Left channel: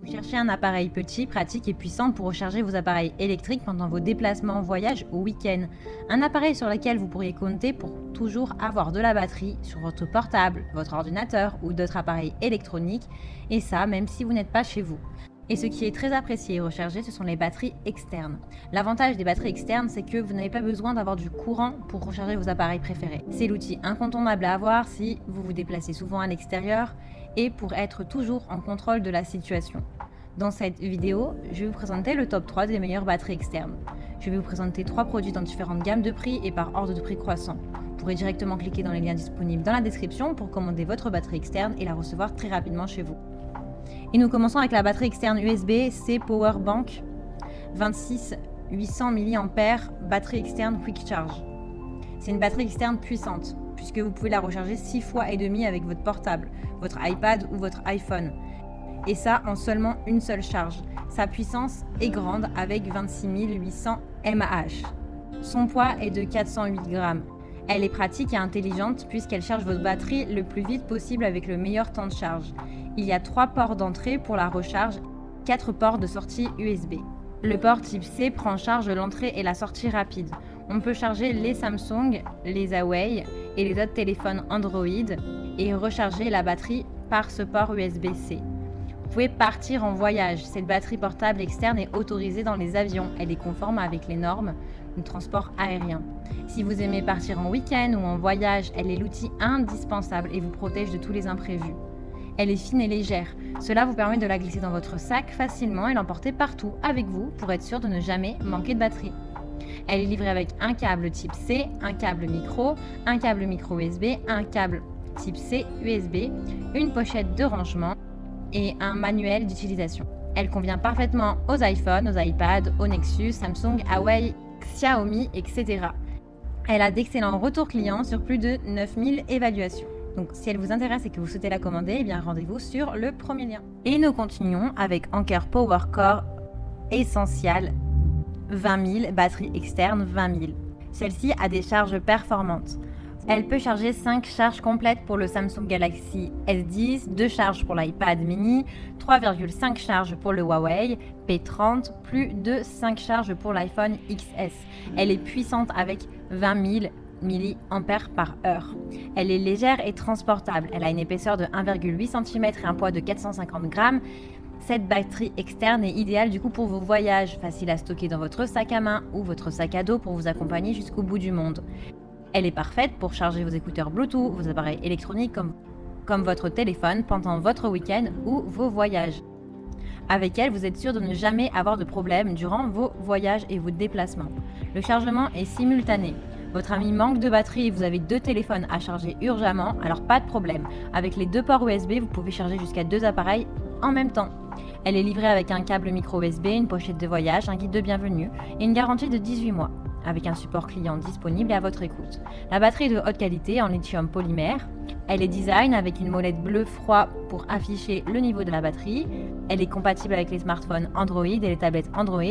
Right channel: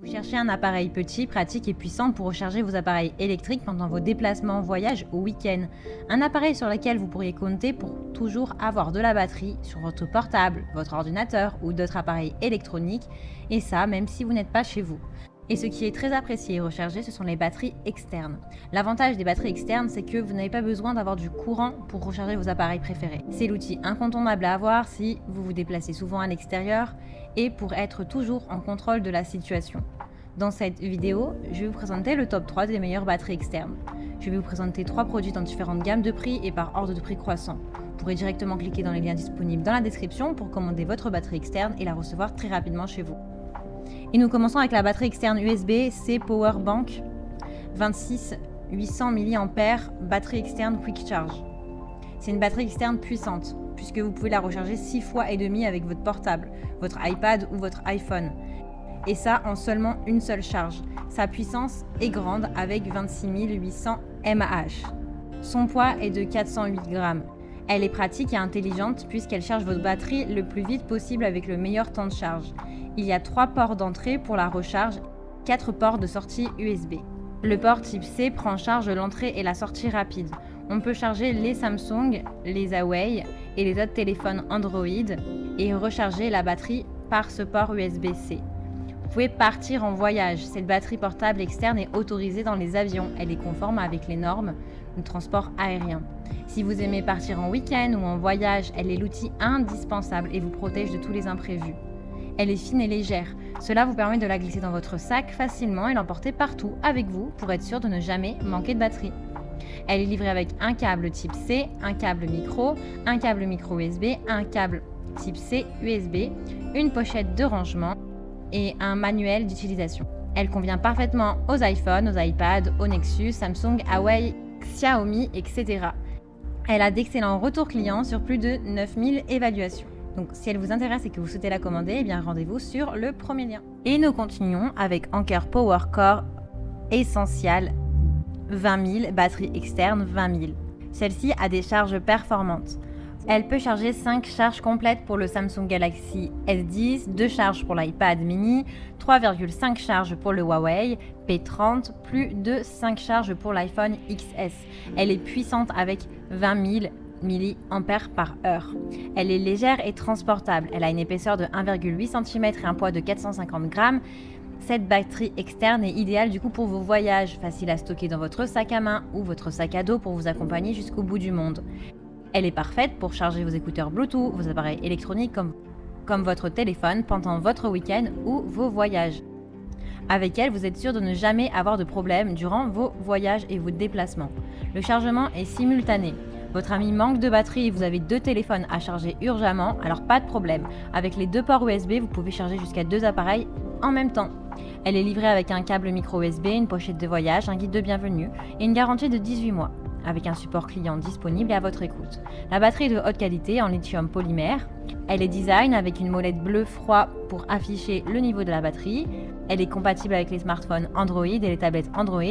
Vous cherchez un appareil petit, pratique et puissant pour recharger vos appareils électriques pendant vos déplacements, voyages ou week-ends. Un appareil sur lequel vous pourriez compter pour toujours avoir de la batterie sur votre portable, votre ordinateur ou d'autres appareils électroniques, et ça même si vous n'êtes pas chez vous. Et ce qui est très apprécié et rechargé, ce sont les batteries externes. L'avantage des batteries externes, c'est que vous n'avez pas besoin d'avoir du courant pour recharger vos appareils préférés. C'est l'outil incontournable à avoir si vous vous déplacez souvent à l'extérieur et pour être toujours en contrôle de la situation. Dans cette vidéo, je vais vous présenter le top 3 des meilleures batteries externes. Je vais vous présenter 3 produits dans différentes gammes de prix et par ordre de prix croissant. Vous pourrez directement cliquer dans les liens disponibles dans la description pour commander votre batterie externe et la recevoir très rapidement chez vous. Et nous commençons avec la batterie externe USB-C Powerbank 26 800 mAh batterie externe Quick Charge. C'est une batterie externe puissante puisque vous pouvez la recharger 6 fois et demi avec votre portable, votre iPad ou votre iPhone. Et ça en seulement une seule charge. Sa puissance est grande avec 26 800 mAh. Son poids est de 408 grammes. Elle est pratique et intelligente puisqu'elle charge votre batterie le plus vite possible avec le meilleur temps de charge. Il y a 3 ports d'entrée pour la recharge, 4 ports de sortie USB. Le port type C prend en charge l'entrée et la sortie rapide. On peut charger les Samsung, les Huawei et les autres téléphones Android et recharger la batterie par ce port USB-C. Vous pouvez partir en voyage. Cette batterie portable externe est autorisée dans les avions. Elle est conforme avec les normes de transport aérien. Si vous aimez partir en week-end ou en voyage, elle est l'outil indispensable et vous protège de tous les imprévus. Elle est fine et légère. Cela vous permet de la glisser dans votre sac facilement et l'emporter partout avec vous pour être sûr de ne jamais manquer de batterie. Elle est livrée avec un câble type C, un câble micro USB, un câble type C USB, une pochette de rangement et un manuel d'utilisation. Elle convient parfaitement aux iPhones, aux iPads, aux Nexus, Samsung, Huawei, Xiaomi, etc. Elle a d'excellents retours clients sur plus de 9000 évaluations. Donc si elle vous intéresse et que vous souhaitez la commander, eh bien rendez-vous sur le premier lien. Et nous continuons avec Anker Power Core Essential 20 000, batterie externe 20 000. Celle-ci a des charges performantes. Elle peut charger 5 charges complètes pour le Samsung Galaxy S10, 2 charges pour l'iPad mini, 3,5 charges pour le Huawei P30, plus de 5 charges pour l'iPhone XS. Elle est puissante avec 20 000 mAh. Elle est légère et transportable. Elle a une épaisseur de 1,8 cm et un poids de 450 grammes. Cette batterie externe est idéale du coup pour vos voyages, facile à stocker dans votre sac à main ou votre sac à dos pour vous accompagner jusqu'au bout du monde. Elle est parfaite pour charger vos écouteurs Bluetooth, vos appareils électroniques comme votre téléphone pendant votre week-end ou vos voyages. Avec elle, vous êtes sûr de ne jamais avoir de problème durant vos voyages et vos déplacements. Le chargement est simultané. Votre ami manque de batterie et vous avez 2 téléphones à charger urgemment, alors pas de problème. Avec les 2 ports USB, vous pouvez charger jusqu'à 2 appareils en même temps. Elle est livrée avec un câble micro USB, une pochette de voyage, un guide de bienvenue et une garantie de 18 mois, avec un support client disponible et à votre écoute. La batterie est de haute qualité en lithium polymère. Elle est design avec une molette bleu froid pour afficher le niveau de la batterie. Elle est compatible avec les smartphones Android et les tablettes Android,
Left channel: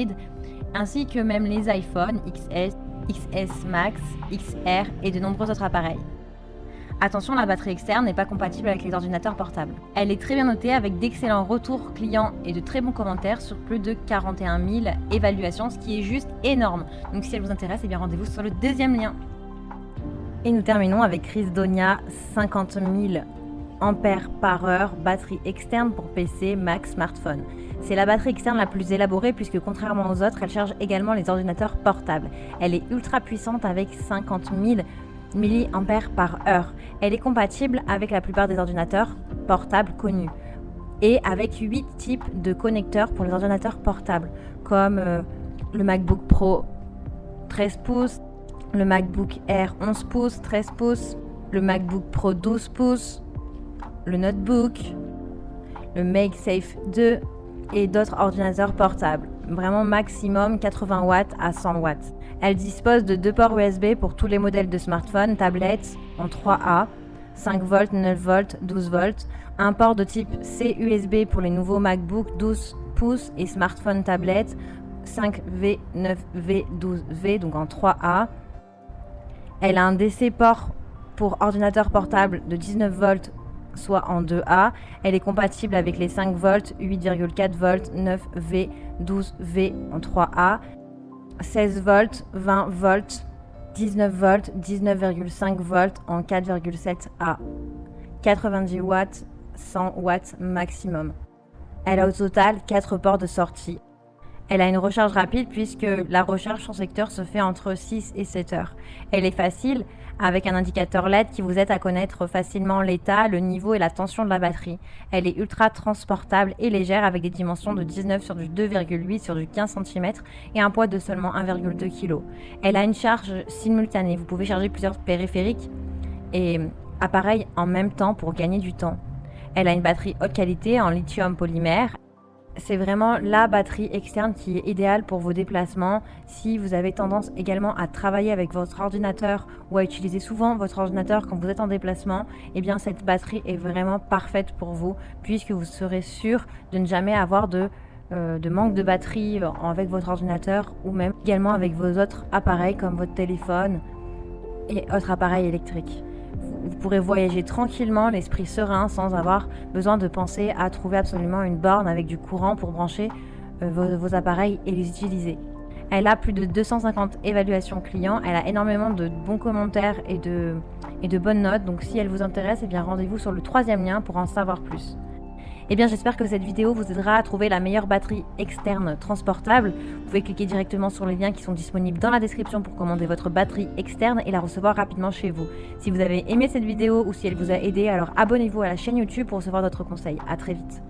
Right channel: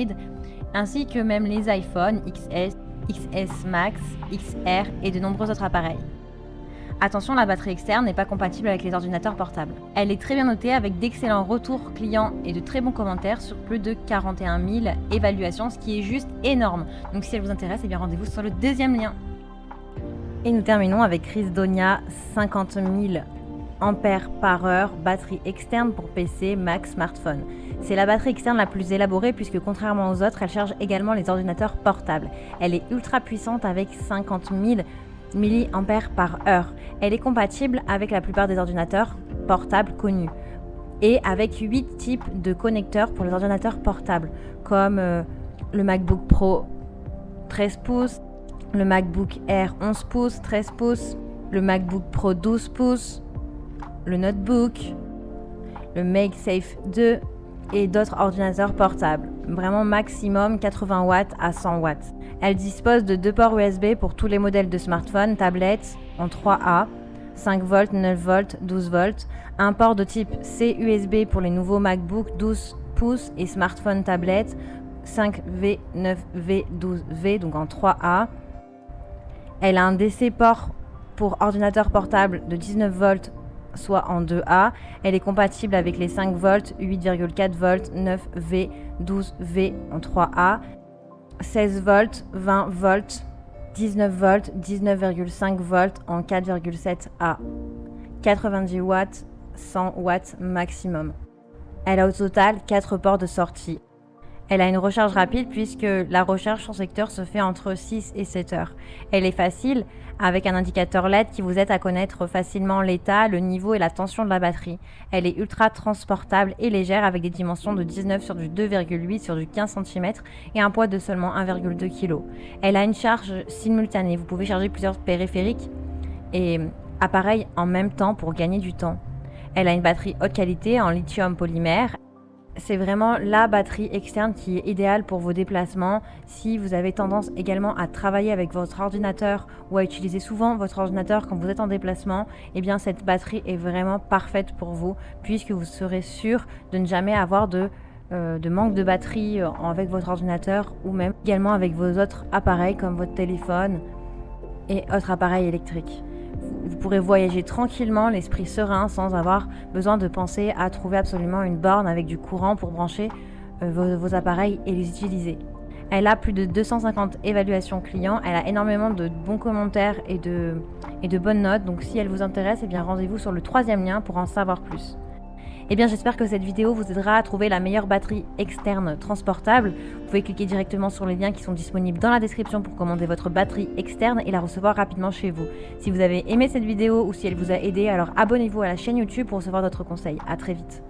ainsi que même les iPhones XS, XS Max, XR et de nombreux autres appareils. Attention, la batterie externe n'est pas compatible avec les ordinateurs portables. Elle est très bien notée avec d'excellents retours clients et de très bons commentaires sur plus de 41 000 évaluations, ce qui est juste énorme. Donc si elle vous intéresse, eh bien rendez-vous sur le deuxième lien. Et nous terminons avec Rhysdonia 50 000 ampères/heure, batterie externe pour PC, Mac, smartphone. C'est la batterie externe la plus élaborée puisque contrairement aux autres, elle charge également les ordinateurs portables. Elle est ultra puissante avec 50 000 mAh. Elle est compatible avec la plupart des ordinateurs portables connus et avec 8 types de connecteurs pour les ordinateurs portables comme le MacBook Pro 13 pouces, le MacBook Air 11 pouces, 13 pouces, le MacBook Pro 12 pouces, le Notebook, le MagSafe 2 et d'autres ordinateurs portables. Vraiment maximum 80 watts à 100 watts. Elle dispose de 2 ports USB pour tous les modèles de smartphones, tablettes en 3A, 5 volts, 9 volts, 12 volts, un port de type C USB pour les nouveaux MacBook 12 pouces et smartphones tablettes 5V, 9V, 12V, donc en 3A. Elle a un DC port pour ordinateur portable de 19 volts soit en 2A. Elle est compatible avec les 5 volts, 8,4 volts, 9V, 12V en 3A, 16 volts, 20 volts, 19 volts, 19,5 volts en 4,7A, 90 watts, 100 watts maximum. Elle a au total 4 ports de sortie. Elle a une recharge rapide puisque la recharge sur secteur se fait entre 6 et 7 heures. Elle est facile avec un indicateur LED qui vous aide à connaître facilement l'état, le niveau et la tension de la batterie. Elle est ultra transportable et légère avec des dimensions de 19 sur du 2,8 sur du 15 cm et un poids de seulement 1,2 kg. Elle a une charge simultanée. Vous pouvez charger plusieurs périphériques et appareils en même temps pour gagner du temps. Elle a une batterie haute qualité en lithium polymère. C'est vraiment la batterie externe qui est idéale pour vos déplacements. Si vous avez tendance également à travailler avec votre ordinateur ou à utiliser souvent votre ordinateur quand vous êtes en déplacement, eh bien cette batterie est vraiment parfaite pour vous puisque vous serez sûr de ne jamais avoir de manque de batterie avec votre ordinateur ou même également avec vos autres appareils comme votre téléphone et autres appareils électriques. Vous pourrez voyager tranquillement, l'esprit serein, sans avoir besoin de penser à trouver absolument une borne avec du courant pour brancher vos appareils et les utiliser. Elle a plus de 250 évaluations clients, elle a énormément de bons commentaires et de bonnes notes. Donc si elle vous intéresse, eh bien rendez-vous sur le 3e lien pour en savoir plus. Eh bien, j'espère que cette vidéo vous aidera à trouver la meilleure batterie externe transportable. Vous pouvez cliquer directement sur les liens qui sont disponibles dans la description pour commander votre batterie externe et la recevoir rapidement chez vous. Si vous avez aimé cette vidéo ou si elle vous a aidé, alors abonnez-vous à la chaîne YouTube pour recevoir d'autres conseils. À très vite.